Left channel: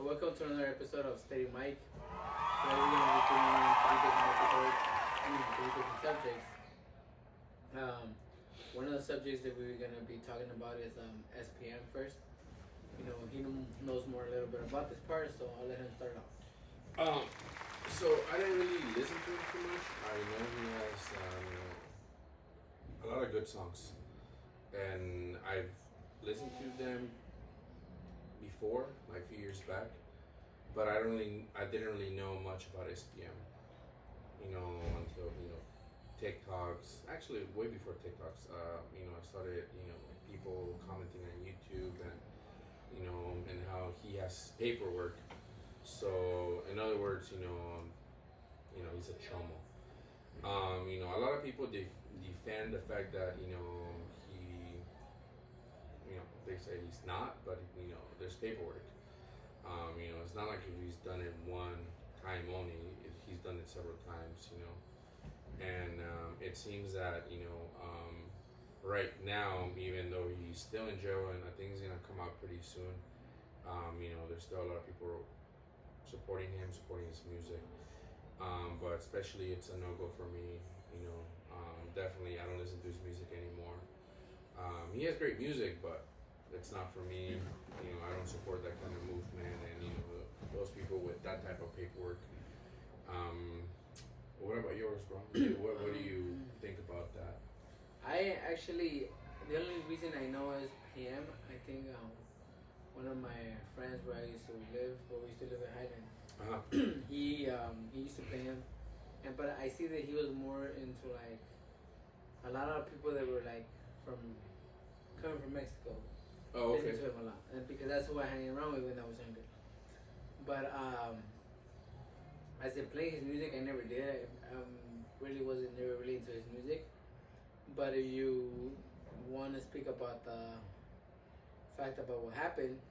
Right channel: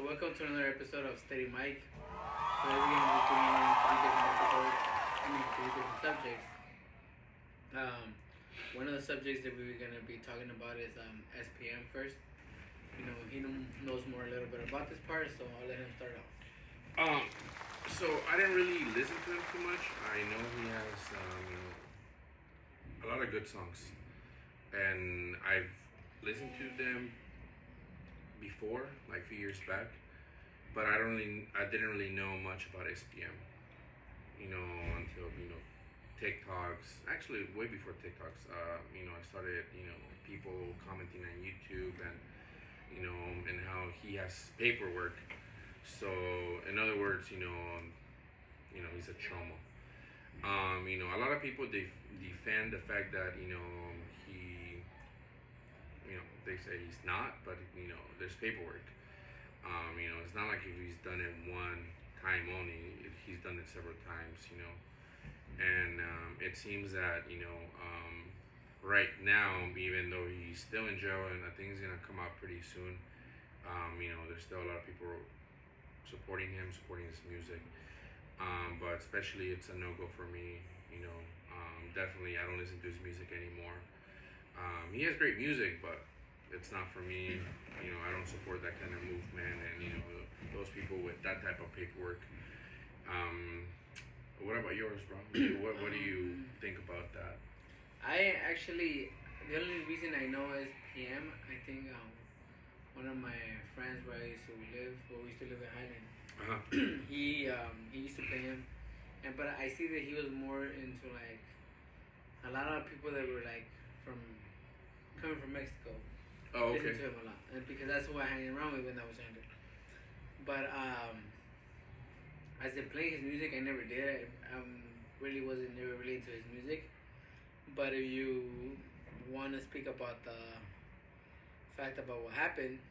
So welcome to another episode of Steady Mike. Today we're going to be doing three different episodes, three different subjects. One of the subjects that we're going to be talking about is S.P.M first. You know, he knows more a little bit about this part, so I'll let him start off. So I didn't really listen to him too much. I know he has a lot of good songs, and I've listened to them before, like a few years back, but I didn't really know much about S.P.M. Until TikToks. Actually, way before TikToks. I started people commenting on YouTube and how he has paperwork. So in other words, he's a chomo. A lot of people defend the fact that he they say he's not, but there's paperwork. It's not like if he's done it one time only. He's done it several times. And it seems that right now, even though he's still in jail, and I think he's gonna come out pretty soon. There's still a lot of people supporting him, supporting his music. But especially, it's a no-go for me. Definitely, I don't listen to his music anymore. He has great music, but it's not for me. I don't support that kind of movement and those people with that type of paperwork. What about yours, bro? What do you think about that? I actually, the only reason I know is PM. I think one of my friends where we used to live in Highland. He used to play him, but I see that he was more into like a lot of people that were like coming from Mexico. Oh, okay. Listen to him a lot, and because that's who I hang around with when I was younger. But as I play his music, I never did. I really wasn't never really into his music. But if you want to speak about the fact about what happened,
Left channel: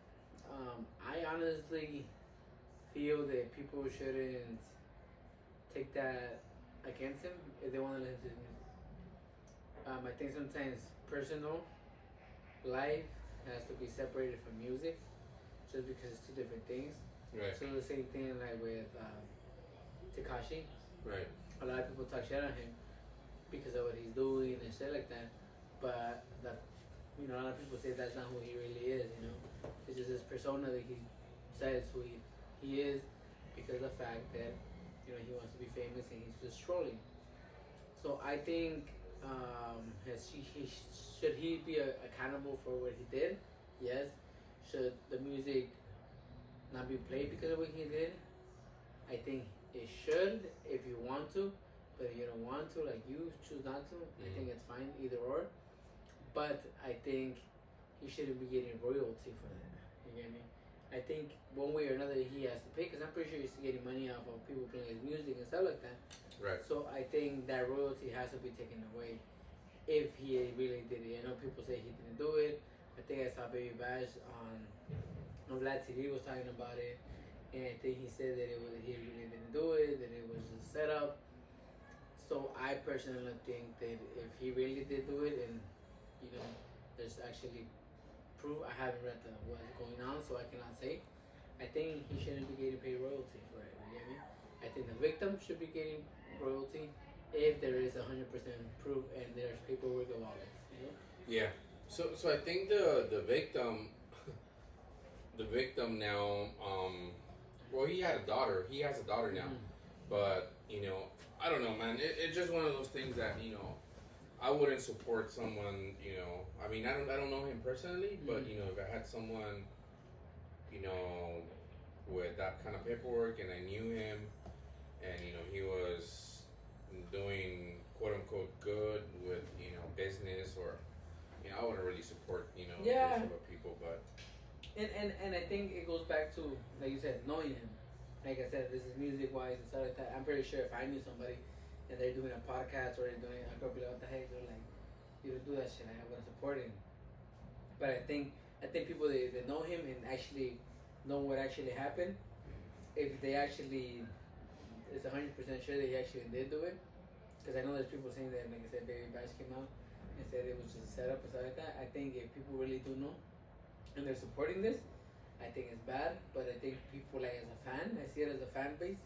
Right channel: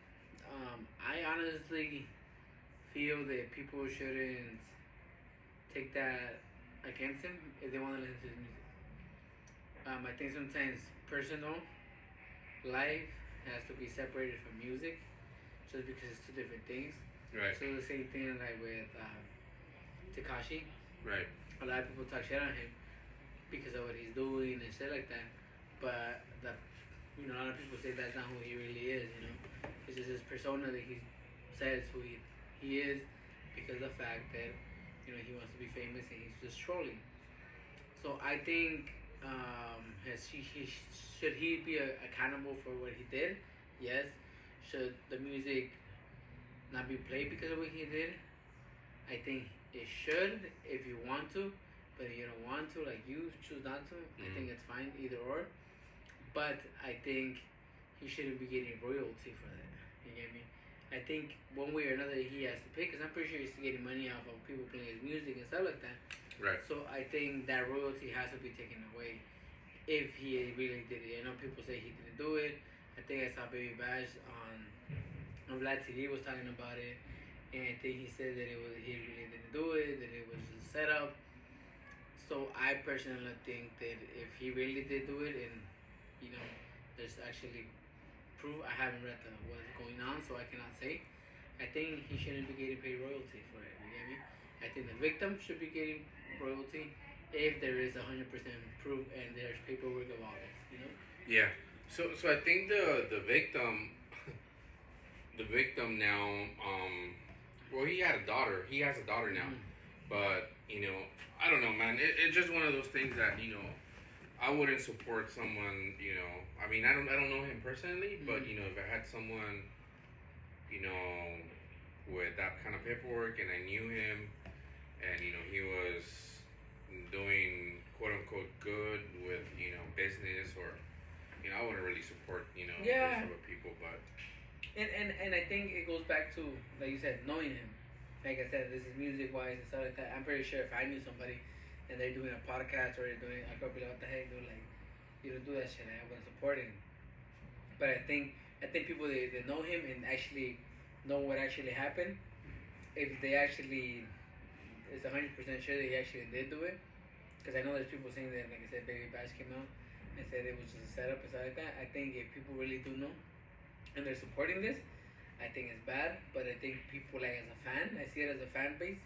I honestly feel that people shouldn't take that against him if they want to listen to his music. I think sometimes personal life has to be separated from music, just because it's two different things. Right. So the same thing like with Tekashi. Right. A lot of people talk shit on him because of what he's doing and shit like that. But a lot of people say that's not who he really is. It's just his persona that he says who he is because of the fact that he wants to be famous and he's just trolling. So I think should he be accountable for what he did? Yes. Should the music not be played because of what he did? I think it should if you want to, but if you don't want to, like you choose not to, I think it's fine, either or. But I think he shouldn't be getting royalty for that. You get me? I think one way or another he has to pay, because I'm pretty sure he's getting money off of people playing his music and stuff like that. Right. So I think that royalty has to be taken away if he really did it. I know people say he didn't do it. I think I saw Baby Bash on Vlad TV was talking about it, and I think he said that he really didn't do it, that it was just set up. So I personally think that if he really did do it, and there's actually proof. I haven't read what's going on, so I cannot say. I think he shouldn't be getting paid royalty for it. You get me? I think the victim should be getting royalty if there is 100% proof and there's paperwork of all this. Yeah. So I think the victim, the victim now. Well, he had a daughter. He has a daughter now, but I don't know, man. It's just one of those things that I wouldn't support someone. I mean, I don't know him personally, but if I had someone, with that kind of paperwork, and I knew him, and he was doing quote unquote good with business, or I wouldn't really support those type of people, but. And I think it goes back to, like you said, knowing him. Like I said, this is music wise and stuff like that. I'm pretty sure if I knew somebody and they're doing a podcast or they're doing, I'd probably be like, what the heck, dude, like, you don't do that shit. I wouldn't support him. But I think people that know him and actually know what actually happened, if they actually is 100% sure that he actually did do it, because I know there's people saying that, like I said, Baby Bash came out and said it was just a setup and stuff like that. I think if people really do know and they're supporting this, I think it's bad. But I think people like as a fan, I see it as a fan base.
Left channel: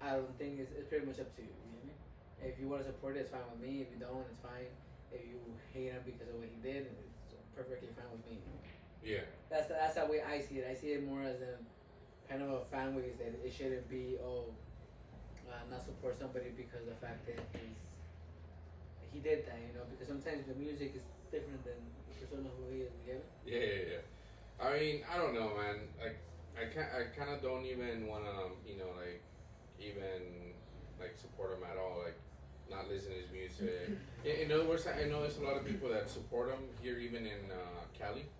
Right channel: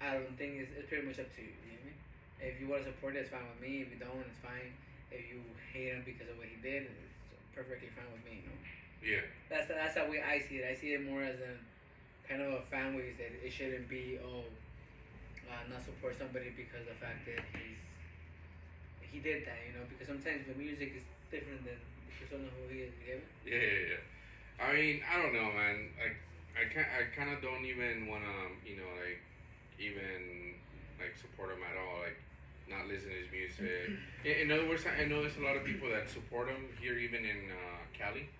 I don't think it's pretty much up to you. You know what I mean? If you want to support it, it's fine with me. If you don't, it's fine. If you hate him because of what he did, it's perfectly fine with me. You know? Yeah. That's the way I see it. I see it more as a kind of a fan base that it shouldn't be not support somebody because of the fact that he did that. You know, because sometimes the music is different than the persona who he is. You get it? Yeah. I mean, I don't know, man. I kind of don't even wanna, even like support him at all. Like, not listen to his music. In other words, I know there's a lot of people that support him here, even in Cali.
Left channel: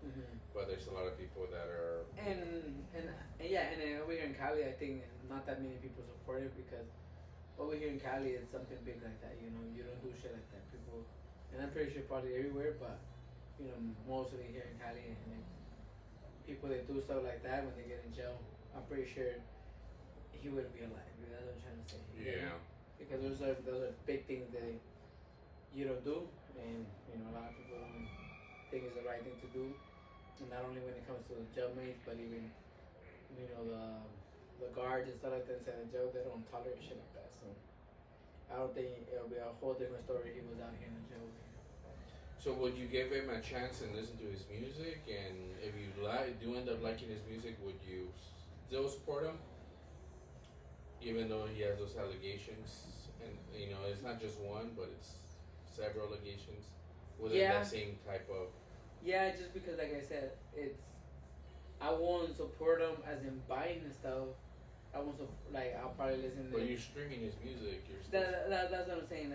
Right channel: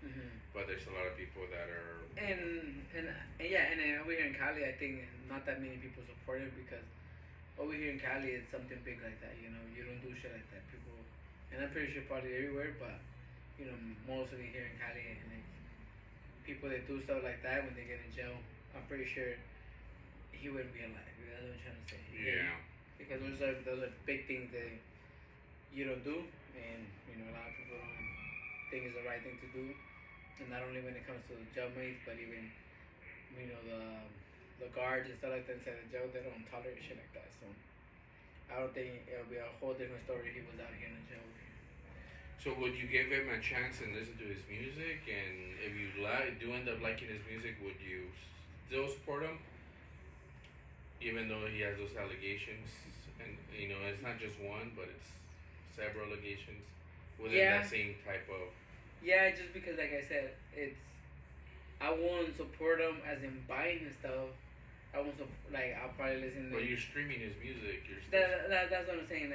But there's a lot of people that are. And over here in Cali, I think not that many people support it because over here in Cali, it's something big like that. You know, you don't do shit like that. People, and I'm pretty sure probably everywhere, but you know, mostly here in Cali, and like, people that do stuff like that when they get in jail, I'm pretty sure he wouldn't be alive. That's what I'm trying to say. Yeah. Because those are big things that you don't do, and you know a lot of people don't think it's the right thing to do, and not only when it comes to the jailmates, but even the guards and stuff like that inside the jail, they don't tolerate shit like that. So I don't think it'll be a whole different story if he was out here in the jail. So would you give him a chance and listen to his music? And if you do end up liking his music, would you still support him? Even though he has those allegations, and it's not just one, but it's several allegations within that same type of. Yeah, just because, like I said, I won't support him as in buying his stuff. I won't I'll probably listen to. But you're streaming his music. That's what I'm saying.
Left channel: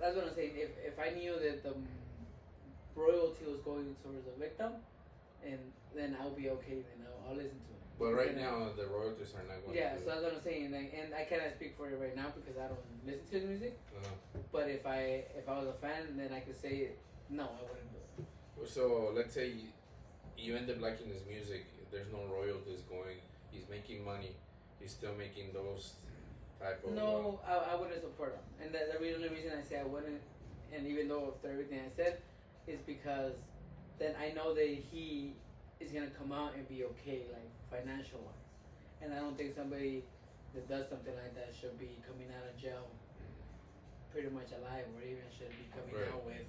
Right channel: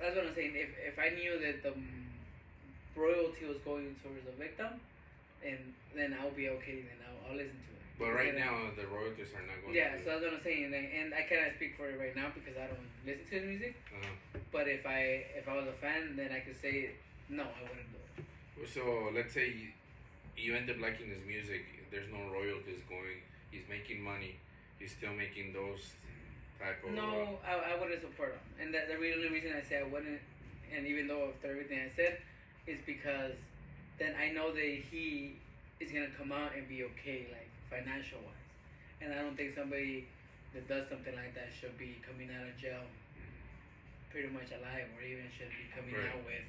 That's what I'm saying. If I knew that the royalty was going towards the victim, and then I'll be okay. Then I'll listen to it. But right now, the royalties are not going. Yeah, so that's what I'm saying, and I cannot speak for it right now because I don't listen to his music. But if I was a fan, then I could say no, I wouldn't do it. So let's say you end up liking his music. There's no royalties going. He's making money. He's still making those type of. No, I wouldn't support him, and the only reason I say I wouldn't, and even though after everything I said, is because then I know that he is gonna come out and be okay, like financial wise, and I don't think somebody that does something like that should be coming out of jail pretty much alive, or even should be coming out with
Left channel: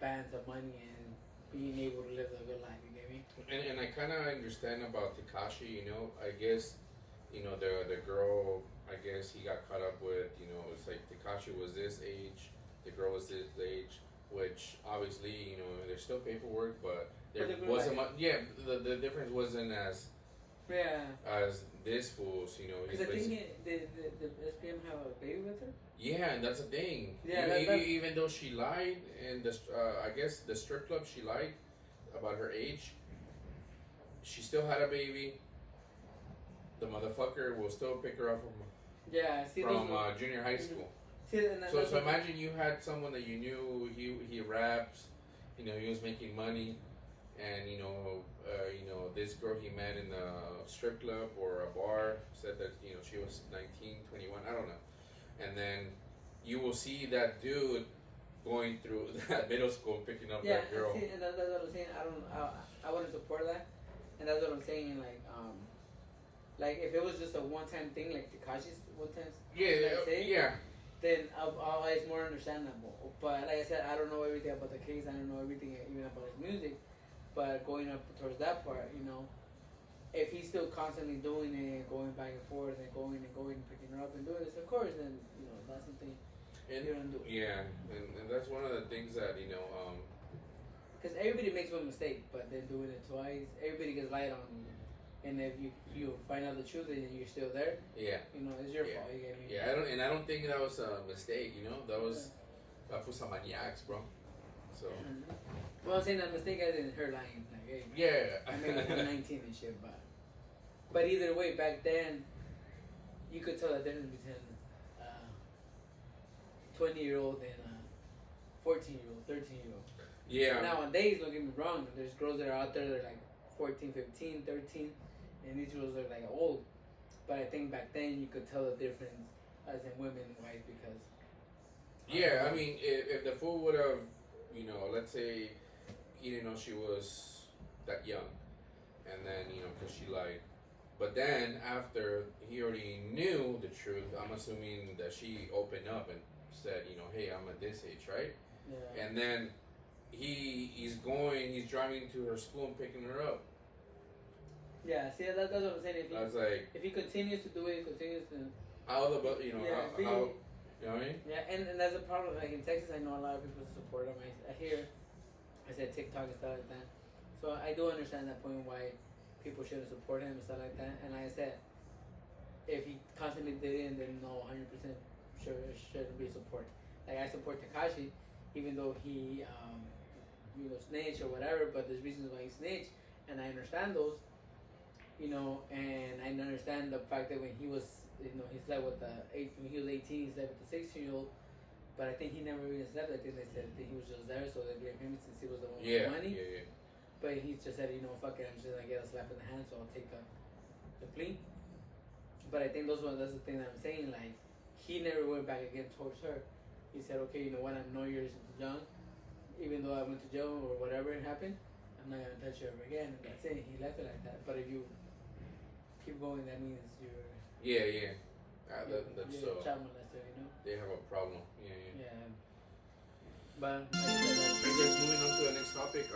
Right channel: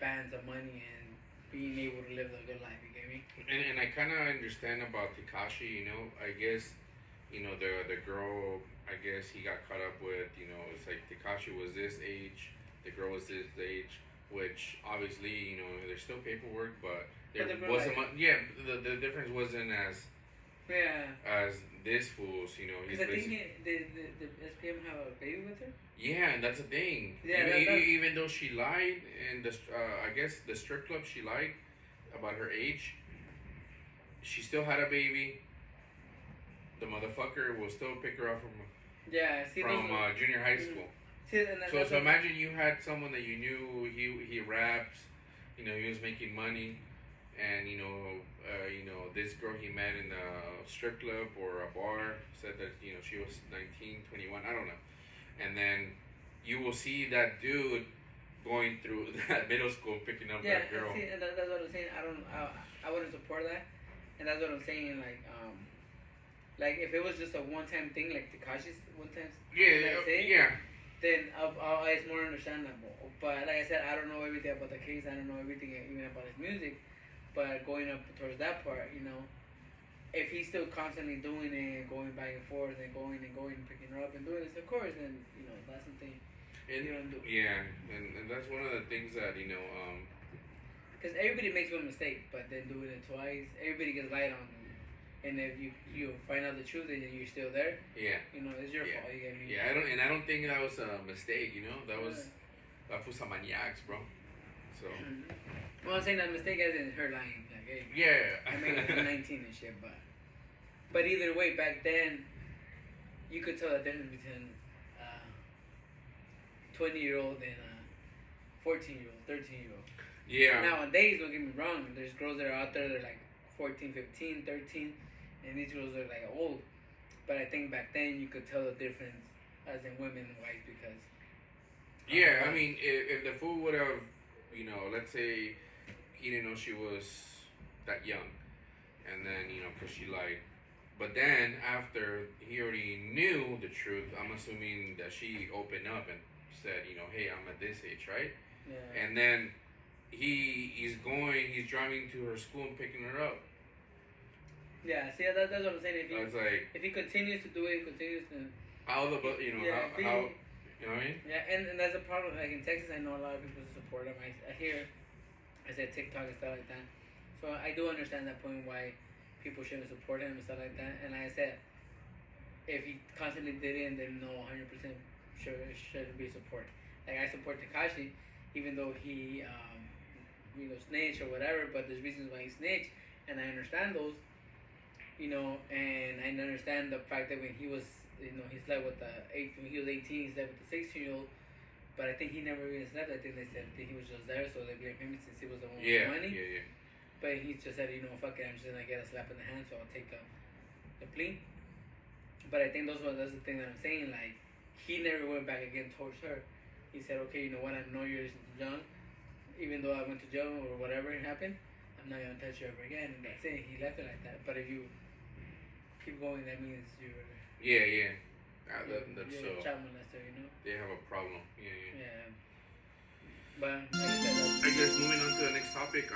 bands of money and being able to live a good life. You get me? And I kind of understand about Tekashi. I guess. The girl, I guess he got caught up with, it's like Tekashi was this age, the girl was this age, which obviously, there's still paperwork, but there wasn't much, the difference wasn't as this fool's, Because I think did S.P.M have a baby with her? Yeah, and that's the thing. Yeah, even though she lied, and I guess the strip club, she lied about her age, she still had a baby. The motherfucker will still pick her up from junior high school. So imagine you had someone that you knew, he raps, he was making money, and this girl he met in a strip club or a bar said that she was 19, 21, I don't know, and then you will see that dude going through that middle school picking up that girl. See, and that's what I'm saying. I wouldn't support that, and that's what I'm saying. Like if it was just a one-time thing, like Tekashi's one-time, then it's more understandable. But like I said, I don't know everything about the case. I don't know everything even about his music. But going up towards that part, if he's still constantly doing it, going back and forth, and going and picking her up and doing this, of course, then that's something you don't do. Yeah, and that's one of the things that because everybody makes one mistake, but then doing it twice, everybody gets lied on. And if you find out the truth and you're still there, it's your fault. You get me? I don't think that was a mistake. That was some maniacs, bro. So. Well, I'm saying that mistake as in her lying. Like, hey, I mean, I'm 19 and shit, but either way, back then, you could tell the difference between 20-year-old and 14-year-old, 13-year-old. Yeah. Nowadays, don't get me wrong, there's girls that are out there that are like 14, 15, 13. And these girls are like old, but I think back then you could tell the difference as in women wise because. Yeah, I mean, if the fool would have, let's say he didn't know she was that young, And then, you know, because she like, but then after he already knew the truth, I'm assuming that she opened up and said, you know, hey, I'm at this age, right? Yeah. And then he's driving to her school and picking her up. Yeah, see, that's what I'm saying. If he continues to do it, how, you know, how, you know what I mean? Yeah, and that's a problem. Like in Texas, I know a lot of people support him. I hear, I said TikTok and stuff like that. So I do understand that point why people shouldn't support him and stuff like that. And like I said, if he constantly did it, then no, 100% should be support. Like I support Tekashi, even though he, you know, snitched or whatever. But there's reasons why he snitched, and I understand those. You know, and I understand the fact that when he was, you know, he slept with when he was 18, he slept with the 16-year-old. But I think he never even slept. I think they said that he was just there, so they gave him since he was the one with the money. Yeah. But he just said, you know, fuck it, I'm just gonna get a slap in the hand, so I'll take the plea. But I think that's the thing that I'm saying. Like, he never went back again towards her. He said, okay, you know what, I know you're young, even though I went to jail or whatever happened, I'm not gonna touch you ever again. And that's it. He left it like that. But if you keep going, that means you're that's you're a child molester, you know. They have a problem. Yeah. But I guess moving on to the next topic.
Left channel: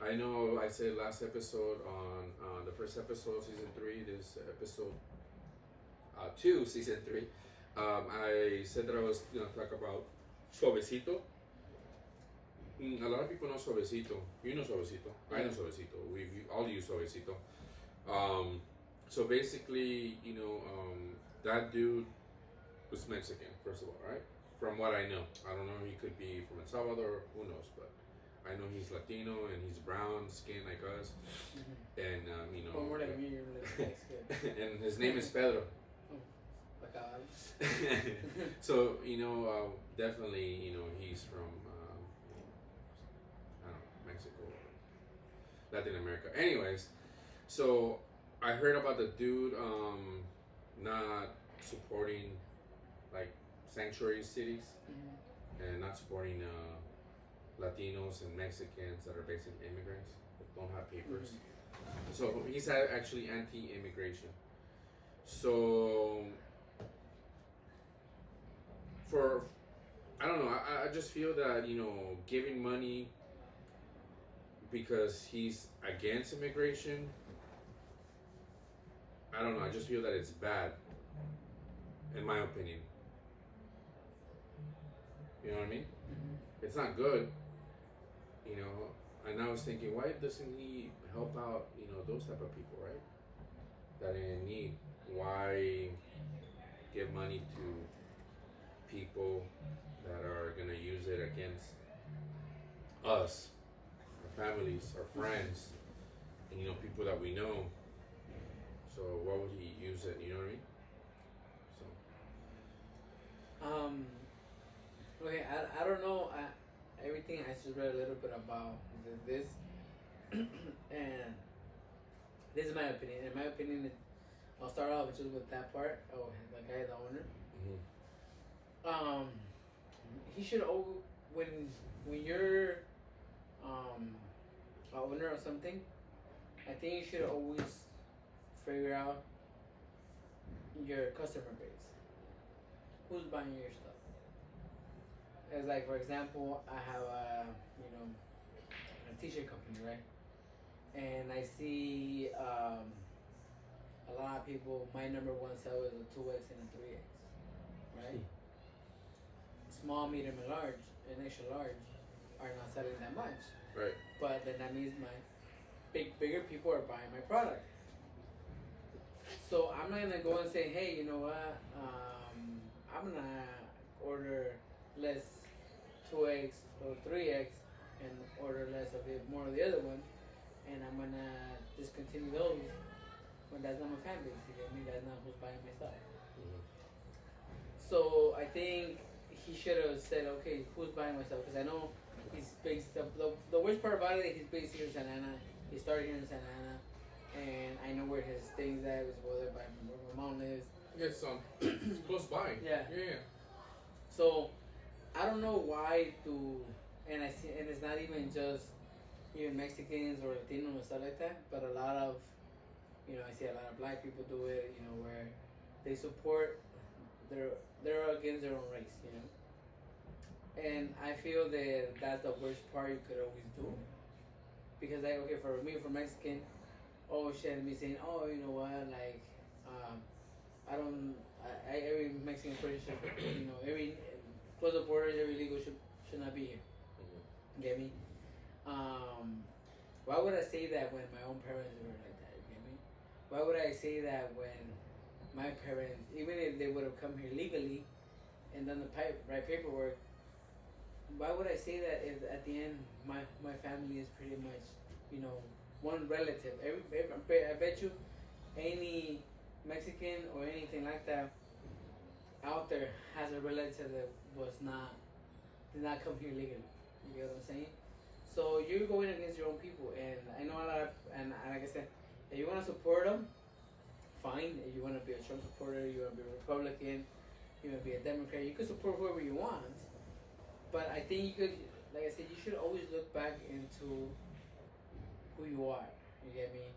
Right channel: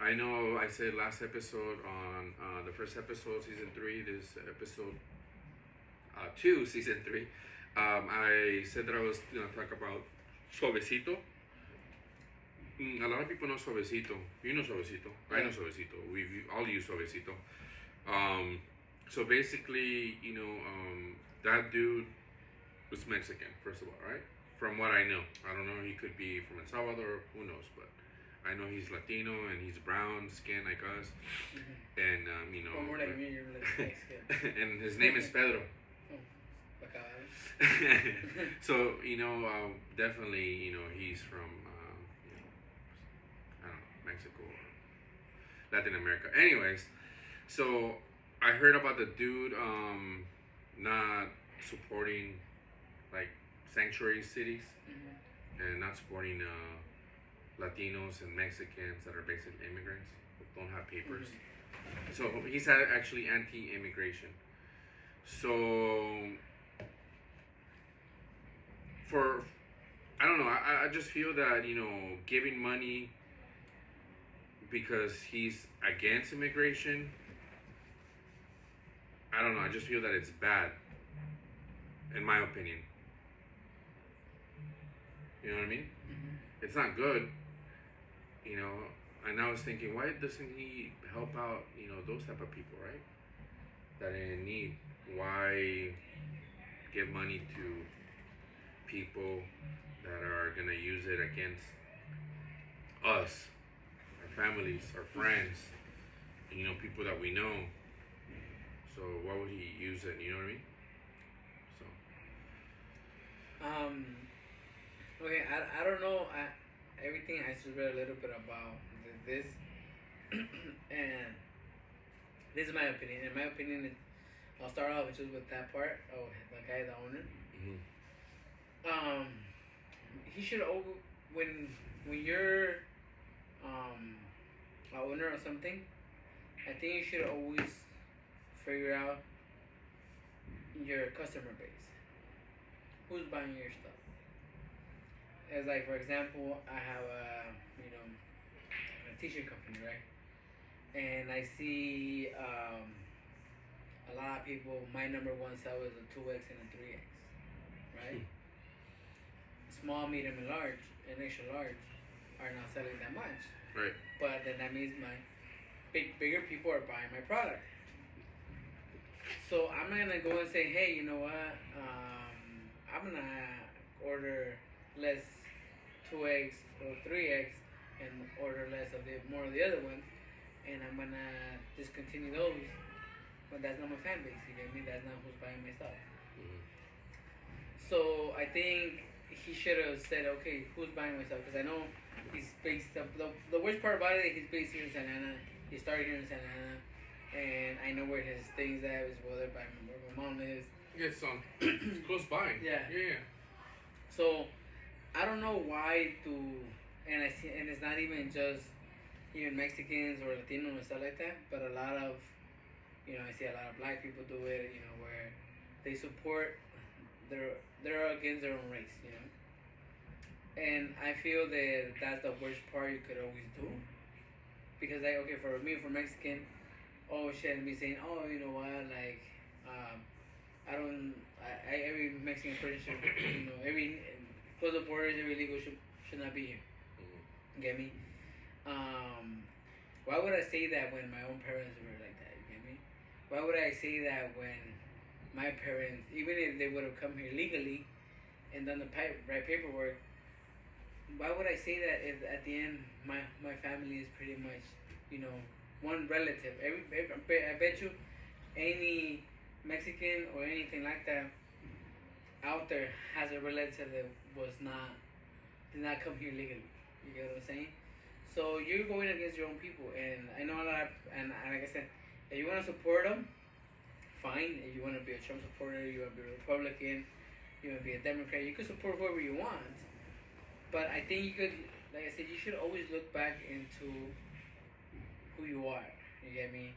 I know I said last episode on the first episode, season 3. This episode 2, season 3. I said that I was gonna talk about Suavecito. A lot of people know Suavecito. You know Suavecito. I know Suavecito. We all use Suavecito. So basically, you know, that dude was Mexican, first of all, right? From what I know. I don't know, he could be from El Salvador, who knows, but I know he's Latino and he's brown skin like us. And, you know. More like me, you're like skin. And his name is Pedro. So, you know, definitely, you know, he's from, you know, I don't know, Mexico or Latin America. Anyways, so I heard about the dude not supporting like sanctuary cities and not supporting Latinos and Mexicans that are basically immigrants who don't have papers. So he's actually anti-immigration. So I don't know, I just feel that, you know, giving money because he's against immigration, I don't know, I just feel that it's bad, in my opinion. You know what I mean? It's not good, you know, and I was thinking, why doesn't he help out, you know, those type of people, right? That are in need. Why give money to people that are gonna use it against us, our families, our friends, and, you know, people that we know? So why would he use it? You know what I mean? So. Okay, I don't know. Everything I just read a little bit about this, and this is my opinion. In my opinion, I'll start off just with that part. Oh, the guy, the owner. He should when you're a owner of something, I think you should always figure out your customer base. Who's buying your stuff? As like, for example, I have a t-shirt company, right? And I see a lot of people. My number one seller is a 2X and a 3X, right? Small, medium, and large, and extra large are not selling that much. Right. But then that means my bigger people are buying my product. So I'm not gonna go and say, hey, you know what? I'm gonna order less 2X or 3X and order less of more of the other ones, and I'm gonna discontinue those. But that's not my fan base. You get me? That's not who's buying my stuff. So I think he should have said, okay, who's buying my stuff? Because I know he's based. The worst part about it is he's based here in Santa Ana. He started here in Santa Ana, and I know where his things at. Is where my mom lives. Yes, it's close by. Yeah. Yeah. So I don't know why and it's not even just even Mexicans or Latinos and stuff like that. But a lot of, I see a lot of black people do it, where they support they're against their own race, And I feel that that's the worst part you could always do. Because, like, okay, for me, for Mexican, oh shit, me saying, oh, you know what, like, every Mexican person should, every, close the borders, every legal should not be here. Get me? Why would I say that when my own parents were like that? You get me? Why would I say that when my parents, even if they would have come here legally and done the right paperwork, why would I say that if at the end my family is pretty much, one relative? I bet you any Mexican or anything like that out there has a relative that did not come here legally. You get what I'm saying? So you're going against your own people, and I know a lot. And like I said, if you want to support them, fine. If you want to be a Trump supporter, you want to be a Republican, you want to be a Democrat, you can support whoever you want. But I think you could, like I said, you should always look back into who you are. You get me?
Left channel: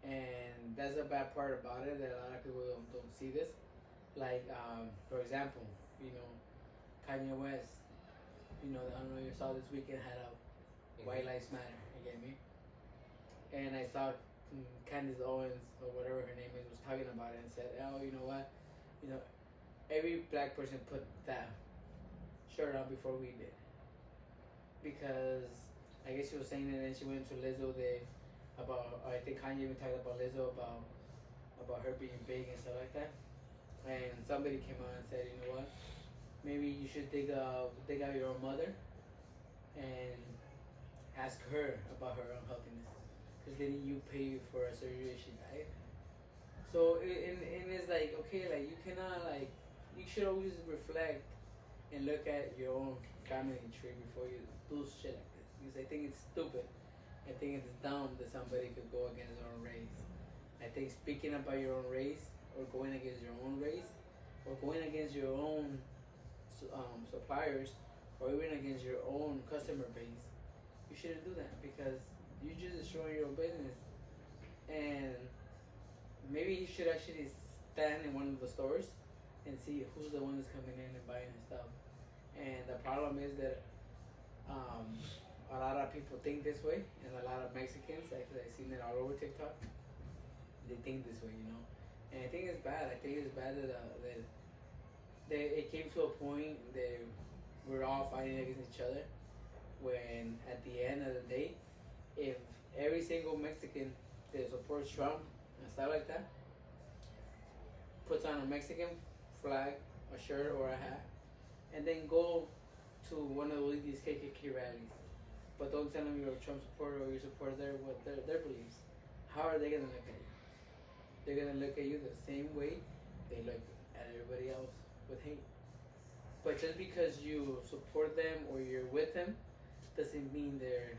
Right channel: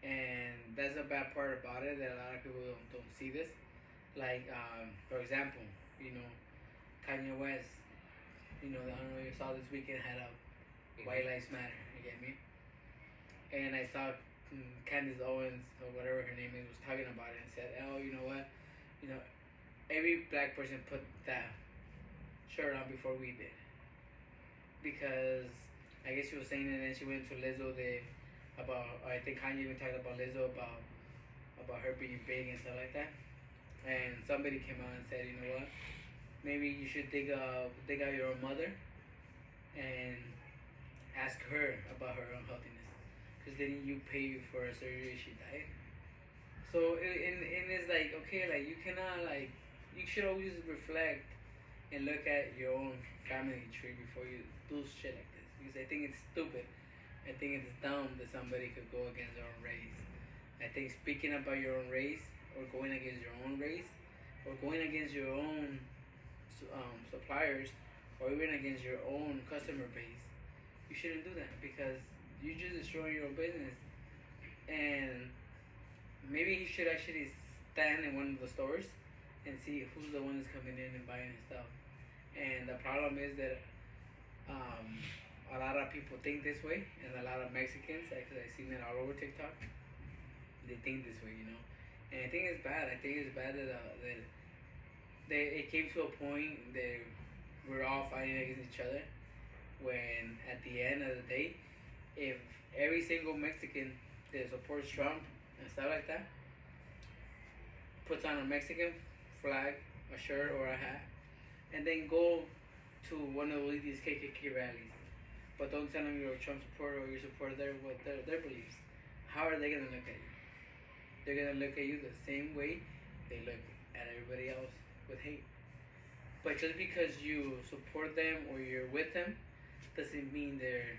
And that's the bad part about it, that a lot of people don't see this. Like, for example, Kanye West, I don't know if you saw this weekend had a White Lives Matter, you get me? And I saw Candace Owens, or whatever her name is, was talking about it and said, oh, you know what? Every black person put that shirt on before we did. Because I guess she was saying it, and then she went to Lizzo I think Kanye even talked about Lizzo about her being big and stuff like that. And somebody came out and said, you know what? Maybe you should dig out your own mother and ask her about her unhealthiness, because didn't you pay for a surgery she died? So and it's like, okay, like you cannot, like, you should always reflect and look at your own family tree before you do shit like this, because I think it's stupid. I think it's dumb that somebody could go against their own race. I think speaking about your own race, or going against your own race, or going against your own suppliers, or even against your own customer base, you shouldn't do that, because you're just destroying your own business. And maybe you should actually stand in one of the stores and see who's the one that's coming in and buying his stuff. And the problem is that a lot of people think this way, and a lot of Mexicans, actually I've seen it all over TikTok, they think this way, And I think it's bad. I think it's bad that it came to a point that we're all fighting against each other, when at the end of the day, if every single Mexican that supports Trump and stuff like that puts on a Mexican flag, a shirt or a hat, and then go to one of these KKK rallies, but don't tell them you're a Trump supporter or you support their beliefs, how are they gonna look at you? They're gonna look at you the same way they look at everybody else, with hate. But just because you support them or you're with them doesn't mean they're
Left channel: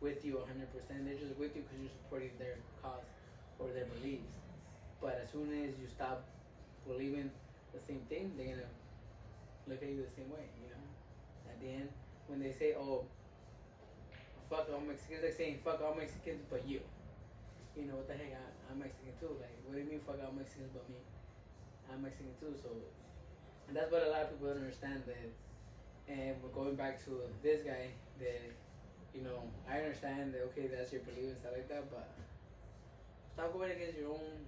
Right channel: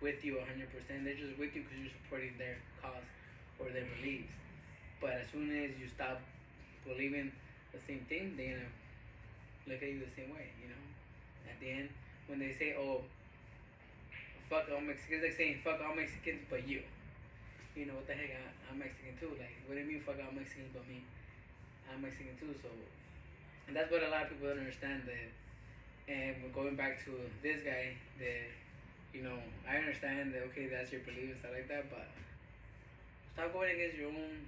with you 100%. They're just with you because you're supporting their cause or their beliefs. But as soon as you stop believing the same thing, they're gonna look at you the same way, At the end, when they say, oh, fuck all Mexicans, like saying fuck all Mexicans but you. What the heck, I'm Mexican too. Like, what do you mean fuck all Mexicans but me? I'm Mexican too, so. And that's what a lot of people don't understand, that. And we're going back to this guy, that, I understand that, okay, that's your belief and stuff like that, but stop going against your own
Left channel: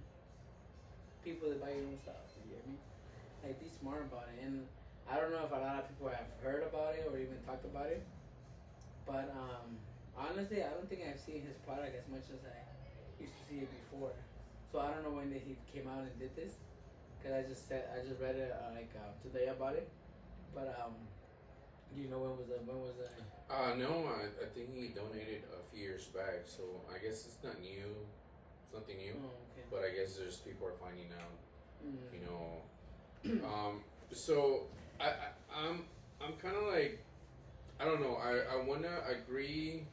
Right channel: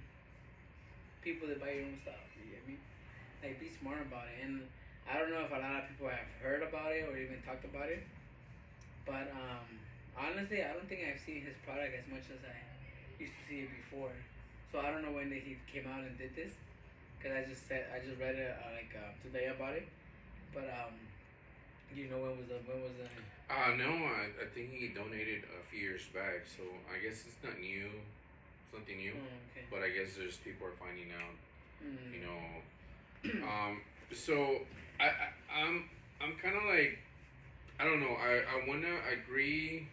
people that buy your own stuff, you get me? Like, be smart about it. And I don't know if a lot of people have heard about it or even talked about it, but honestly, I don't think I've seen his product as much as I used to see it before. So I don't know when he came out and did this, because I just read it today about it. But do you know when was the? No, I think he donated a few years back, so I guess it's not new. It's nothing new. Okay. But I guess there's people are finding out. So I'm kind of like, I don't know. I wanna agree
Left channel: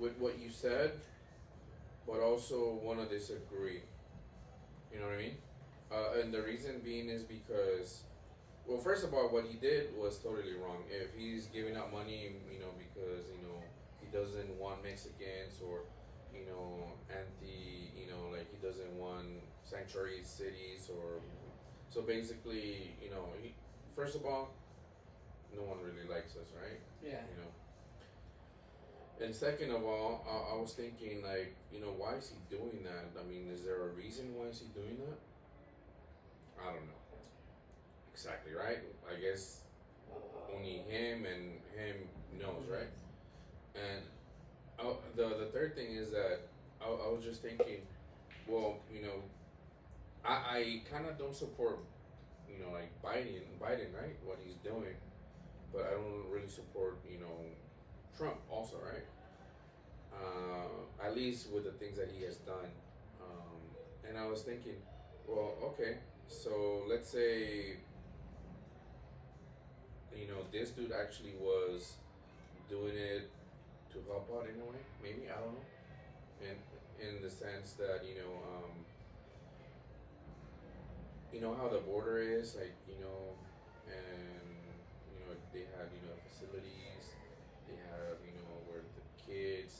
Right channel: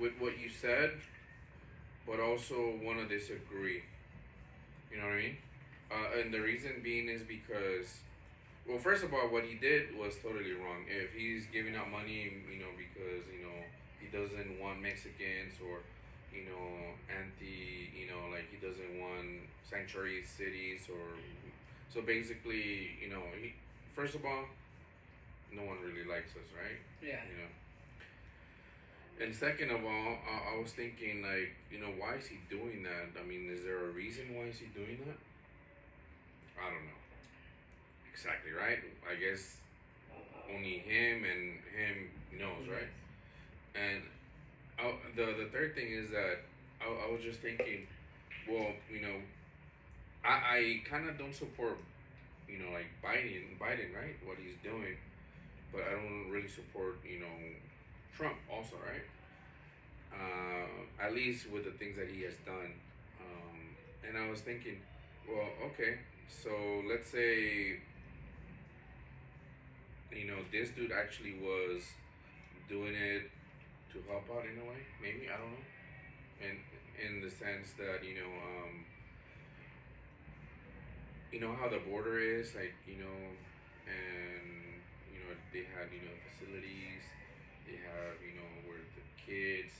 with what you said, but also wanna disagree. You know what I mean? And the reason being is because, well, first of all, what he did was totally wrong. If he's giving out money, because he doesn't want Mexicans, or like he doesn't want sanctuary cities, or so basically, first of all, no one really likes us, right? Yeah. And second of all, I was thinking, like, why is he doing that? I mean, is there a reason why is he doing that? I don't know exactly, right? I guess only him and him knows, right? And the third thing is that I was just thinking, well, I kind of don't support, like Biden, right? What he's doing, but I don't really support, Trump also, right? At least with the things that he has done. And I was thinking, well, okay, so let's say, this dude actually was doing it to help out in a way, maybe, I don't know. And in the sense that, how the border is, like, and, they have, facilities, they have, where the kids,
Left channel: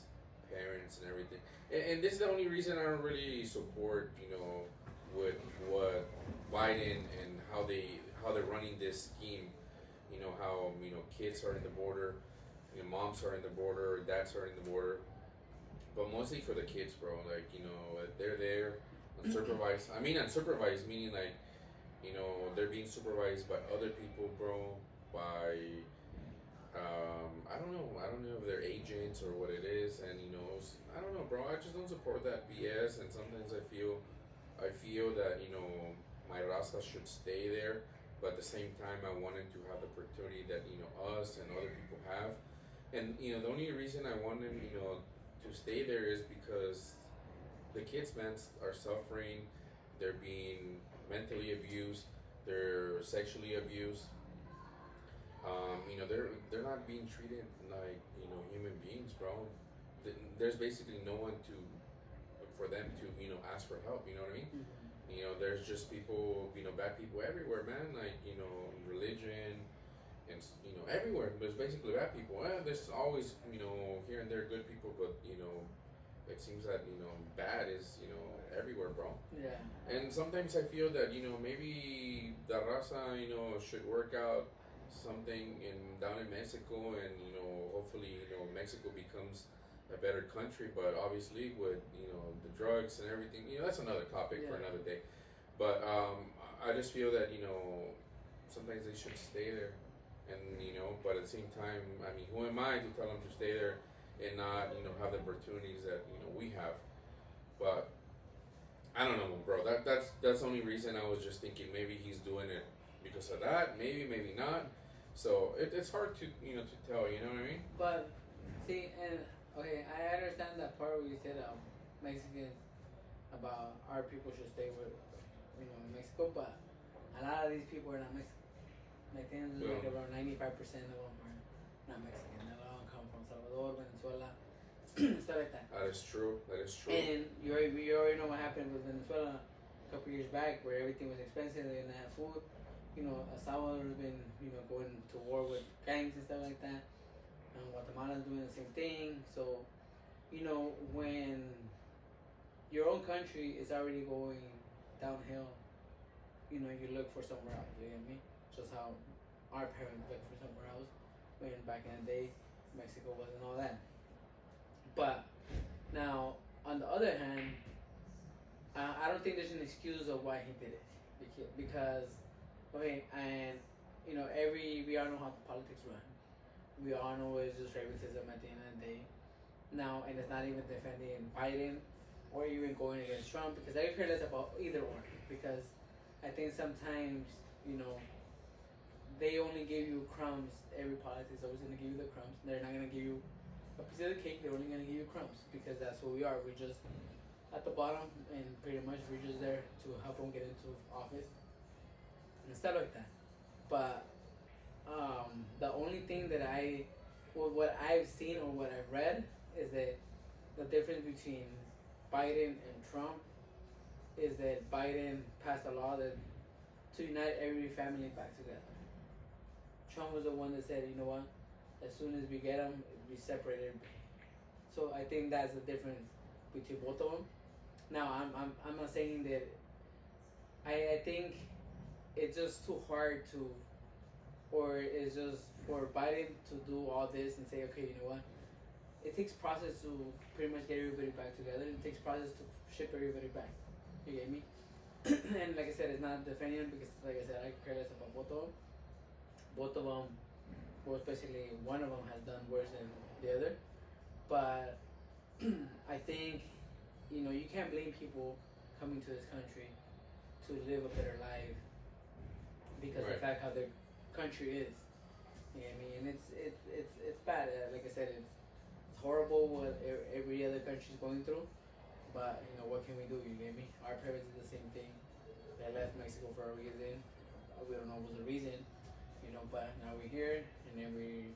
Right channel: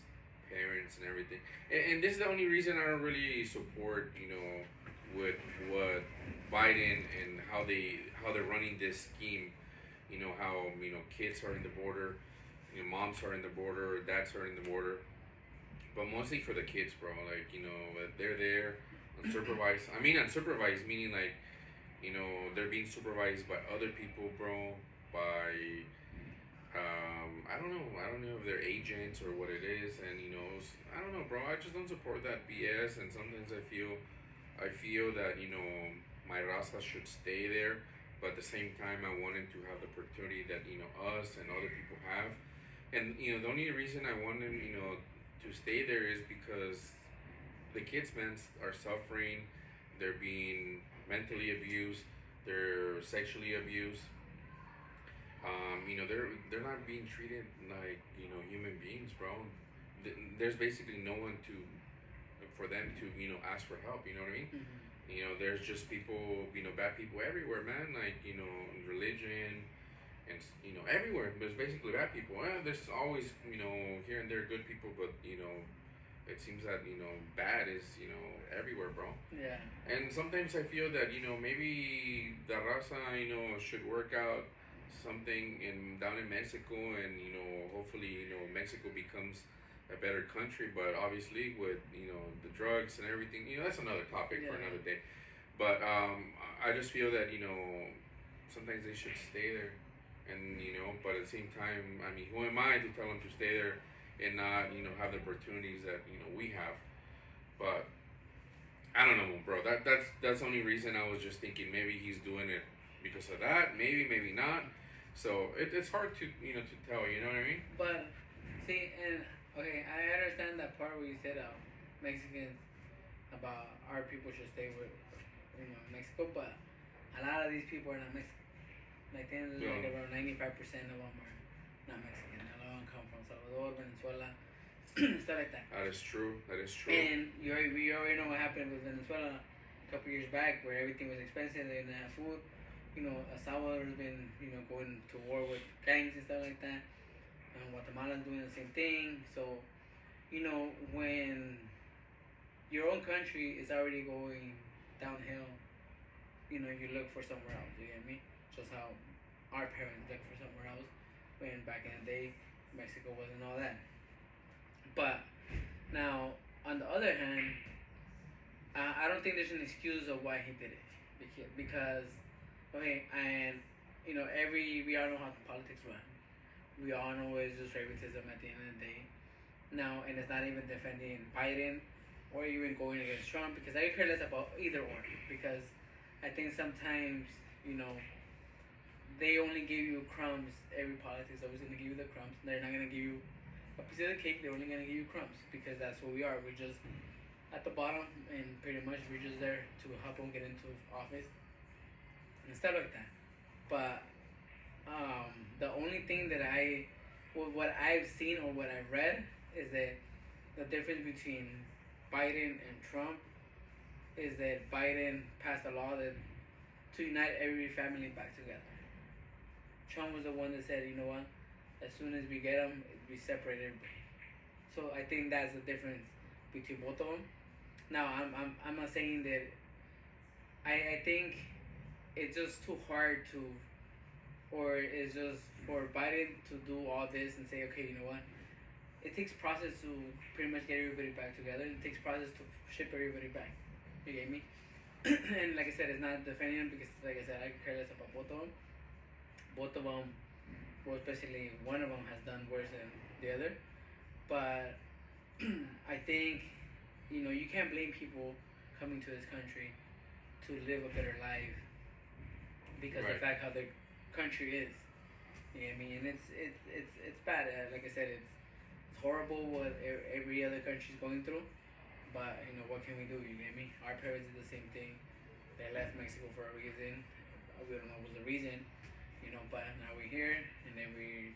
parents, and everything. And this is the only reason I don't really support, with what Biden and how they're running this scheme. How kids are in the border, moms are in the border, dads are in the border, but mostly for the kids, bro. Like, they're there unsupervised. I mean, unsupervised meaning, like, they're being supervised by other people, bro. By I don't know if they're agents or what it is, and I don't know, bro. I just don't support that BS, and sometimes I feel that my raza should stay there, but at the same time I wanted to have the opportunity that us and other people have, and the only reason I wanted to stay there is because the kids, man, are suffering. They're being mentally abused. They're sexually abused. They're not being treated like human beings, bro. There's basically no one for them to ask for help. You know what I mean? Mm-hmm. There's just people, bad people everywhere, man. Like religion, and everywhere. There's basically bad people. There's always here and there good people, but it seems that bad is everywhere, bro. Yeah. And sometimes I feel that maybe the raza should work out something down in Mexico, and hopefully Mexico becomes a better country. But obviously with the drugs and everything, that's another topic for another day. But I just feel that sometimes they should stay there, and but at the same time, I mean, who am I to tell them to stay there and not have the opportunities that we have? But I don't know, bro. That's the only reason. I was just thinking maybe he's doing it because of that. Maybe not. So it's hard to to tell. You know what I mean? But see, and okay, I understand that part where you said Mexicans about our people should stay with Mexico, but a lot of these people are not Mexican. Like around 95% of them are not Mexican. A lot of them come from Salvador, Venezuela, stuff like that. That is true. And you already know what happened with Venezuela a couple years back, where everything was expensive. They didn't have food. El Salvador's been going to war with gangs and stuff like that. Guatemala's doing the same thing. So when your own country is already going downhill, you look for somewhere else. You get me? Just how our parents looked for somewhere else when back in the day Mexico wasn't all that. But now, on the other hand, I don't think there's an excuse of why he did it, because okay, and we all know how the politics run. We all know it's just favoritism at the end of the day. Now, and it's not even defending Biden or even going against Trump, because I care less about either or, because I think sometimes they only give you crumbs. Every politics is always going to give you the crumbs. They're not going to give you a piece of the cake. They're only going to give you crumbs, because that's what we are. We're just at the bottom, and pretty much we're just there to help them get into office and stuff like that. But the only thing that what I've seen or what I've read is that the difference between Biden and Trump is that Biden passed a law that to unite every family back together. Trump was the one that said, you know what, as soon as we get them, we separate everybody. So I think that's the difference between both of them. Now I'm not saying that. I think it's just too hard to, or it's just for Biden to do all this and say, okay, you know what? It takes process to pretty much get everybody back together. It takes process to ship everybody back. You get me? And like I said, it's not defending them because, like I said, I care less about both of them. Both of them, well, especially one of them has done worse than the other. But I think, you know, you can't blame people coming to this country to live a better life because of the fact how their country is. You know what I mean? And it's bad. Like I said, it's horrible what every other country is going through. But, you know, what can we do? You get me? Our parents did the same thing. They left Mexico for a reason. We don't know what was the reason, you know, but now we're here and then we're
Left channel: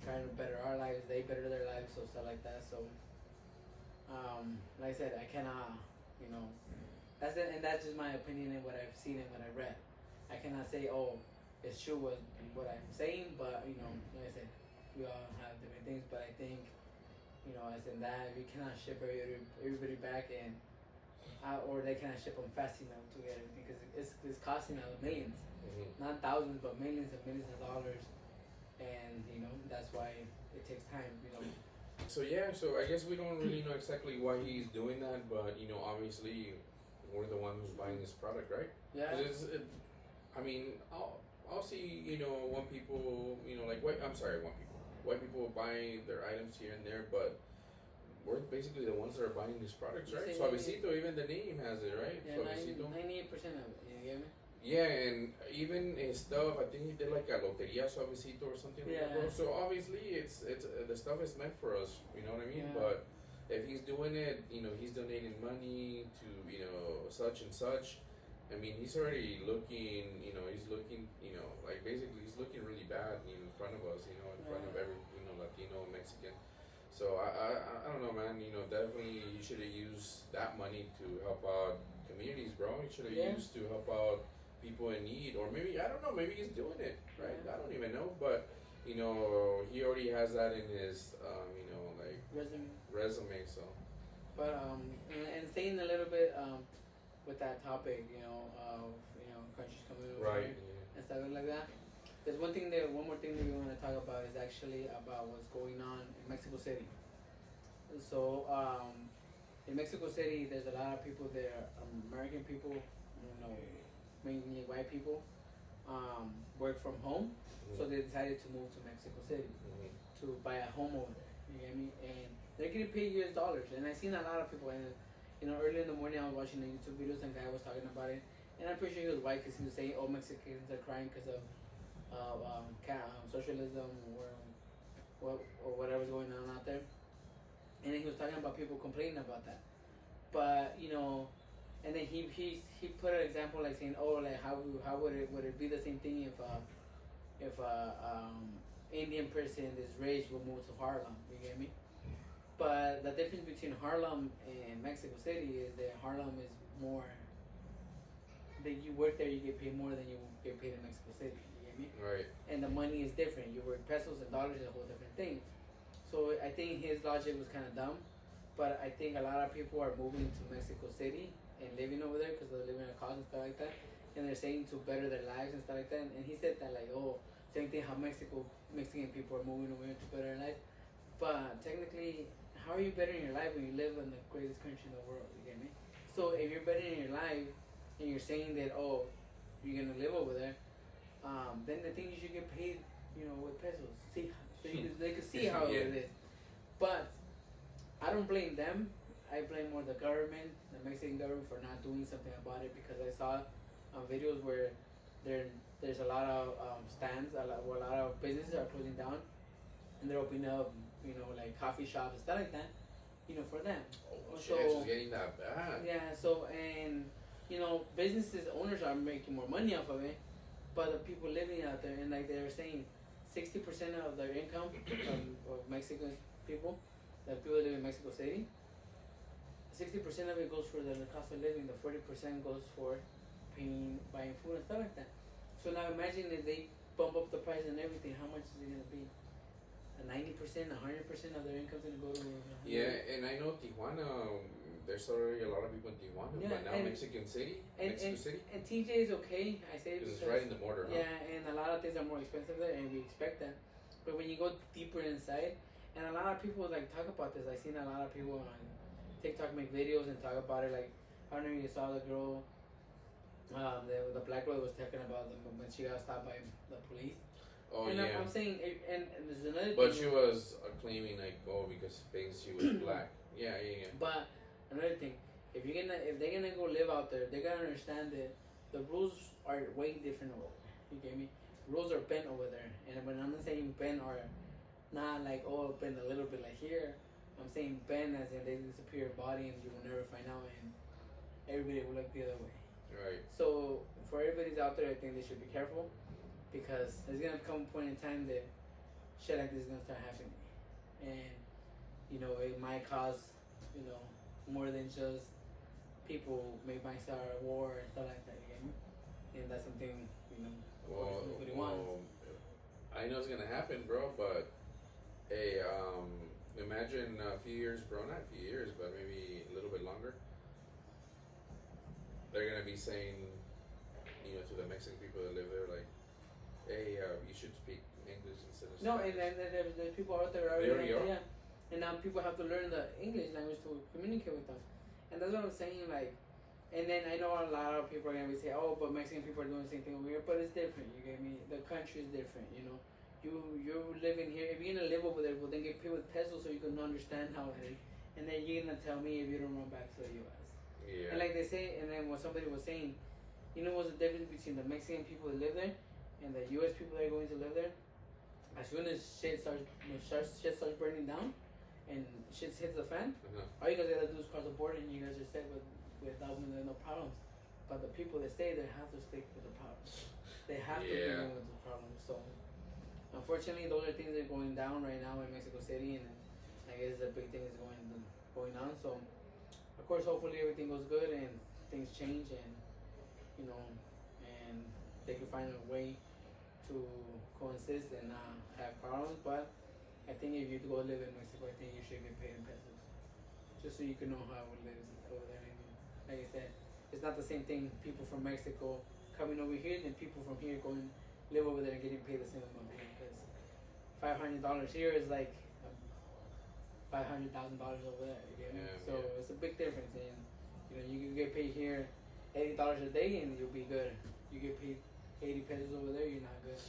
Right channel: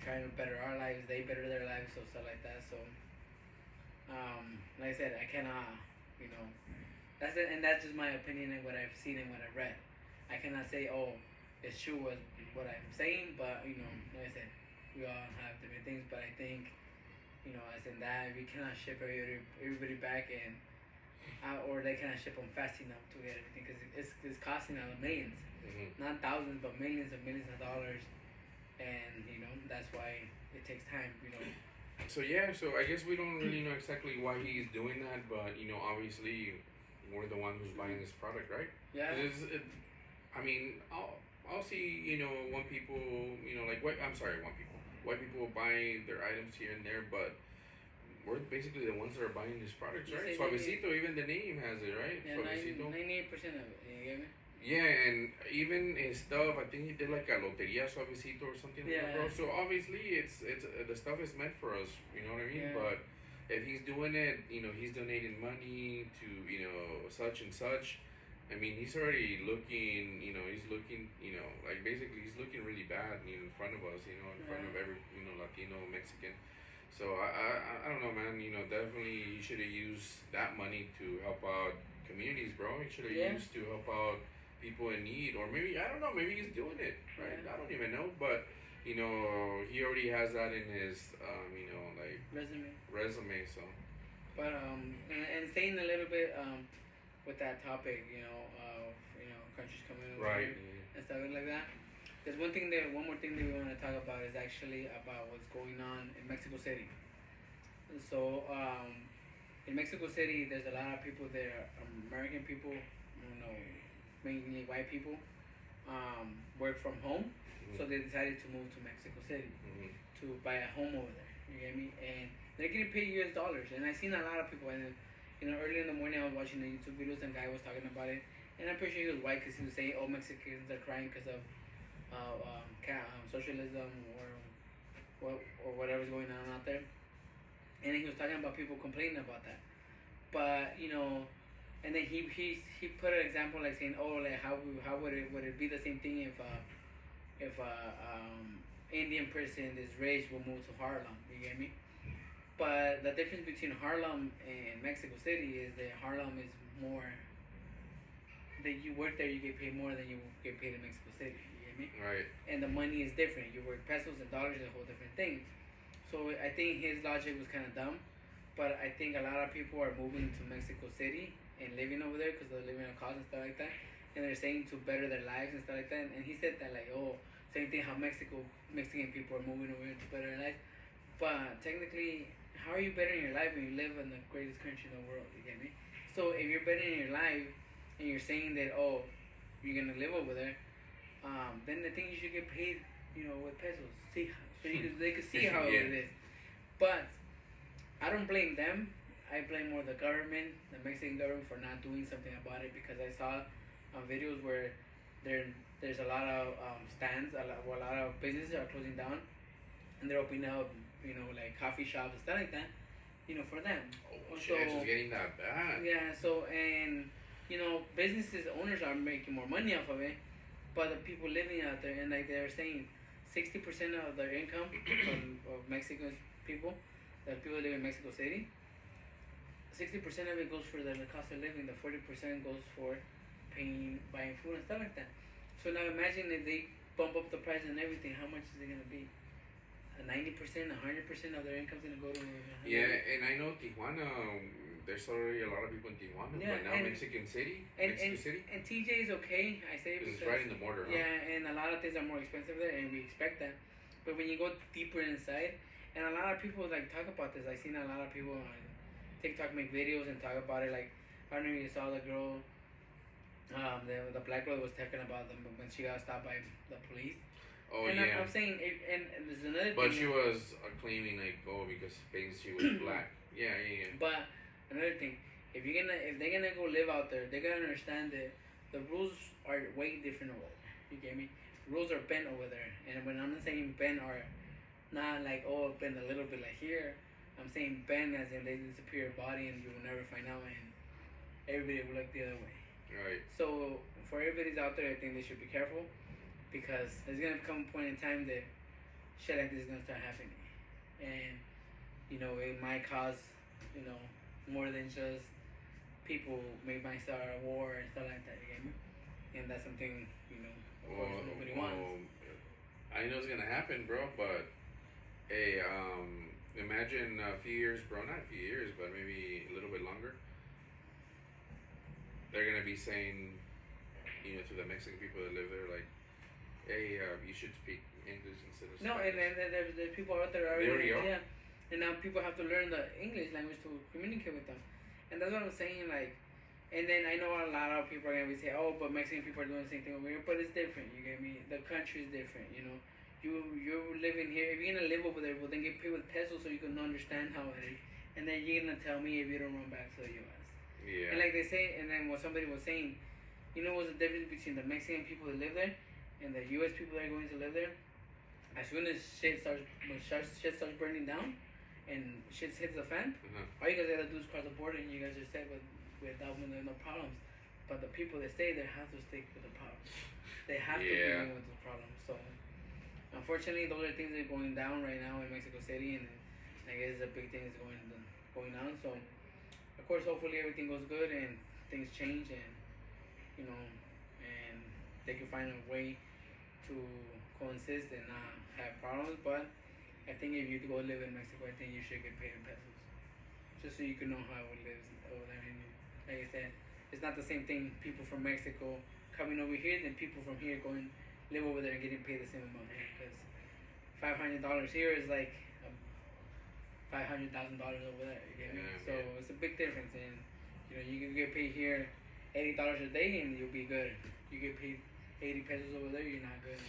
trying to better our lives. They better their lives, so stuff like that. So, like I said, I cannot, you know, that's it, and that's just my opinion and what I've seen and what I read. I cannot say, oh, it's true what I'm saying, but, you know, like I said, we all have different things, but I think, you know, as in that we cannot ship everybody back and or they cannot ship them fast enough to get everything because it's costing them millions, not thousands, but millions and millions of dollars, and you know that's why it takes time, you know. So yeah, so I guess we don't really know exactly why he's doing that, but you know, obviously we're the one who's buying this product, right? Yeah. I mean, I'll see, you know, white people buying their items here and there, but we're basically the ones that are buying these products, right? Suavecito, even the name has it, right? Yeah, Suavecito. 98% of it. You get me? Yeah, and even his stuff, I think he did like a loteria Suavecito or something like that, bro. So obviously, it's the stuff is meant for us. You know what I mean? Yeah. But if he's doing it, you know, he's donating money to, you know, such and such. I mean, he's already looking, you know, like basically he's looking really bad, you know, in front of us, you know, in front of every, you know, Latino, Mexican. So I don't know, man. You know, definitely he should have used that money to help out communities, bro. He should have used to help out people in need, or maybe I don't know. Maybe he's doing it, right? I don't even know, but you know, he already has that in his, you know, like resume. So, but and staying a little bit with that topic, you know, of countries coming over right, and stuff like that. There's one more thing that we want to talk about is actually about what's going on in Mexico City. So, in Mexico City, there's a lot of people there, American people, you know, mainly white people, work from home. So they decided to move to Mexico City to buy a home over there. You get me? And they're getting paid US dollars. And I've seen a lot of people. And you know, early in the morning, I was watching the YouTube videos, and a guy was talking about it. And I'm pretty sure he was white because he was saying, "Oh, Mexicans are crying because of socialism or whatever's going on out there." And then he was talking about people complaining about that. But you know, and then he put an example like saying, "Oh, like how would it be the same thing if Indian person is rich will move to Harlem?" You get me? But the difference between Harlem and Mexico City is that Harlem is more, that you work there, you get paid more than you get paid in Mexico City. You get me? right. And the money is different. You work pesos and dollars, a whole different thing. So I think his logic was kind of dumb. But I think a lot of people are moving to Mexico City and living over there because they're living in cost and stuff like that. And they're saying to better their lives and stuff like that. And he said that like, oh, same thing how Mexican people are moving over here to better their life. But technically, how are you bettering your life when you live in the greatest country in the world? You get me? So if you're bettering your life and you're saying that, oh, you're gonna live over there, then I think you should get paid, you know, with pesos. See, so they can see how it is. But I don't blame them. I blame more the government, the Mexican government, for not doing something about it, because I saw videos where there's a lot of stands, a lot of businesses are closing down, and they're opening up, you know, like coffee shops and stuff like that, you know, for them. Oh shit, it's getting that bad. Yeah, so, and, you know, businesses, owners are making more money off of it, but the people living out there, and like they're saying, 60% of their income of Mexican people, the people live in Mexico City, 60% of it goes for the cost of living, the 40% goes for buying food and stuff like that. So now imagine if they bump up the price and everything, how much is it going to be? 90%, 100% of their income's gonna go to. Yeah, and I know Tijuana. There's already a lot of people in Tijuana, Yeah, but now and- Mexico City. And TJ is okay, I say, Because it's because right in the border. Huh? yeah, and a lot of things are more expensive there, and we expect that. But when you go deeper inside, and a lot of people like talk about this. I've seen a lot of people on TikTok make videos and talk about it. Like I don't know if you saw the girl, the black girl was talking about them when she got stopped by the police. Oh and yeah. I'm saying, and there's another But thing. she was claiming like, oh, because she was black. Yeah. But another thing, if they're gonna go live out there, they gotta understand that the rules are way different over there. You get me? Rules are bent over there, and when I'm saying bent are not like bent a little bit like here. I'm saying bent as in they disappear your body and you will never find out, and everybody will look the other way. Right. So for everybody's out there, I think they should be careful, because there's gonna come a point in time that shit like this is gonna start happening, and it might cause more than just people might start a war and stuff like that. You get me? And that's something of course nobody wants. I know it's gonna happen, bro. But hey, imagine a few years, bro. Not a few years, but maybe a little bit longer. They're gonna be saying, to the Mexican people that live there, like, hey, you should speak English instead of No, Spanish. and there's people out there They already are? yeah, and now people have to learn the English language to communicate with us, and that's what I'm saying. Like, and then I know a lot of people are gonna be saying, oh, but Mexican people are doing the same thing over here, but it's different. You get me? The country is different. You're living here. If you're gonna live over there, well, then get paid with pesos so you can understand how it is, and then you're gonna tell me if you don't run back to the U.S. Yeah. And like they say, and then what somebody was saying, what's the difference between the Mexican people that live there and the U.S. people that are going to live there? As soon as shit starts burning down and shit hits the fan, all you guys gotta do is cross the border and you guys are set without no problems. But the people that stay there have to stick with the problems. They have to be dealing with the problems. So unfortunately, those are things that are going down right now in Mexico City, and I guess it's a big thing that's going on. So of course, hopefully everything goes good and things change, and and they can find a way to coexist and not have problems. But I think if you go live in Mexico, I think you should get paid in pesos, just so you can know how it lives over there. And like I said, it's not the same thing. People from Mexico coming over here than people from here going live over there and getting paid the same amount here, because $500 here is like $500,000 over there. You get me? So it's a big difference, and you can get paid here $80 a day and you'll be good. You get paid 80 pesos over there, you're not good.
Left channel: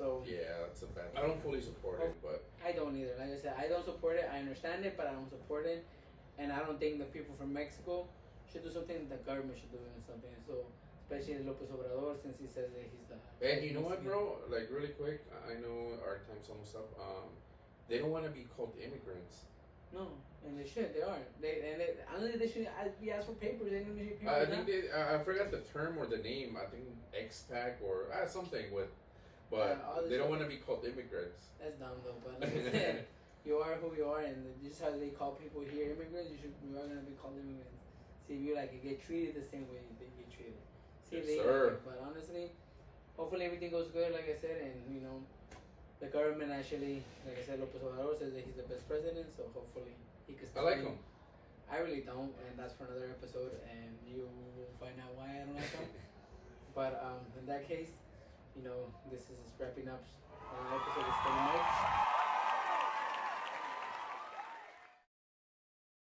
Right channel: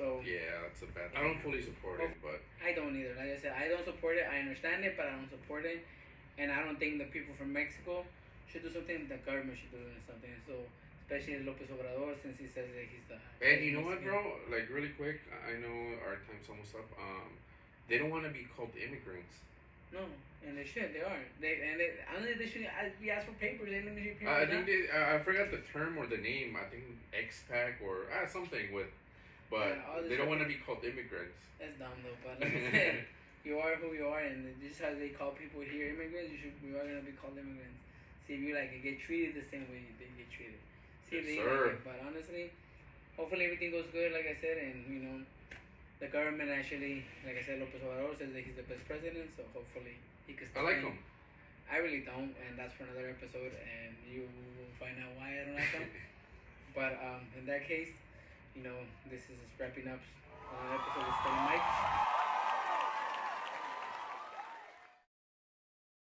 So yeah, that's a bad. I don't fully support it, but I don't either. Like I said, I don't support it. I understand it, but I don't support it, and I don't think the people from Mexico should do something. The government should do something. So especially Lopez Obrador, since he says that he's the. And you know what, bro? Like really quick, I know our time's almost up. They don't want to be called immigrants. No, and they should. They are. They should be asked for papers. They don't need papers. I think I forgot the term or the name. I think expat or something with, but they don't want to be called immigrants. That's dumb though. But like I said, you are who you are, and just how they call people here immigrants, you are gonna be called immigrants. See if you get treated the same way they get treated. See if they like it. But honestly, hopefully everything goes good. Like I said, and the government actually, like I said, Lopez Obrador says that he's the best president, so hopefully he can stay. I like him. I really don't, and that's for another episode, and you will find out why I don't like him. But in that case, this is wrapping up an episode of Mike.